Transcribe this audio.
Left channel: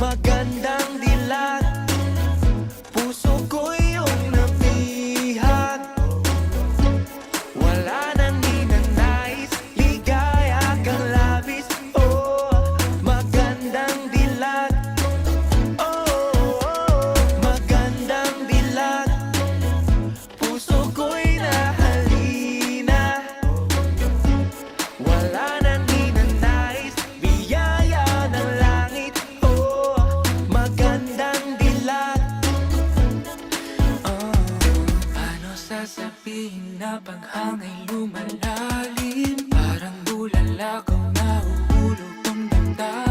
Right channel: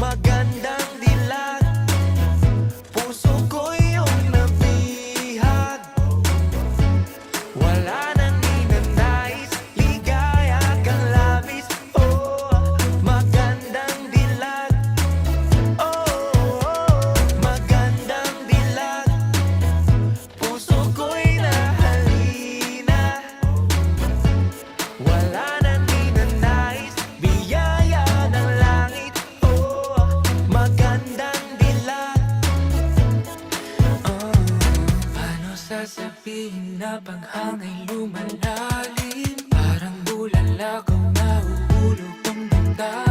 magandang dilag. Puso ko iyong nabihag. Wala nang ninanais, ligaya kang labis. Oh, magandang dilag. Oh, magandang dilag. Puso ko'y nahalina. Wala nang ninanais, biyaya ng langit. Oh, magandang dilag. Paano sasabihin na paghangay lumalalim? Parang bulalakaw na uhulog ang damdamin.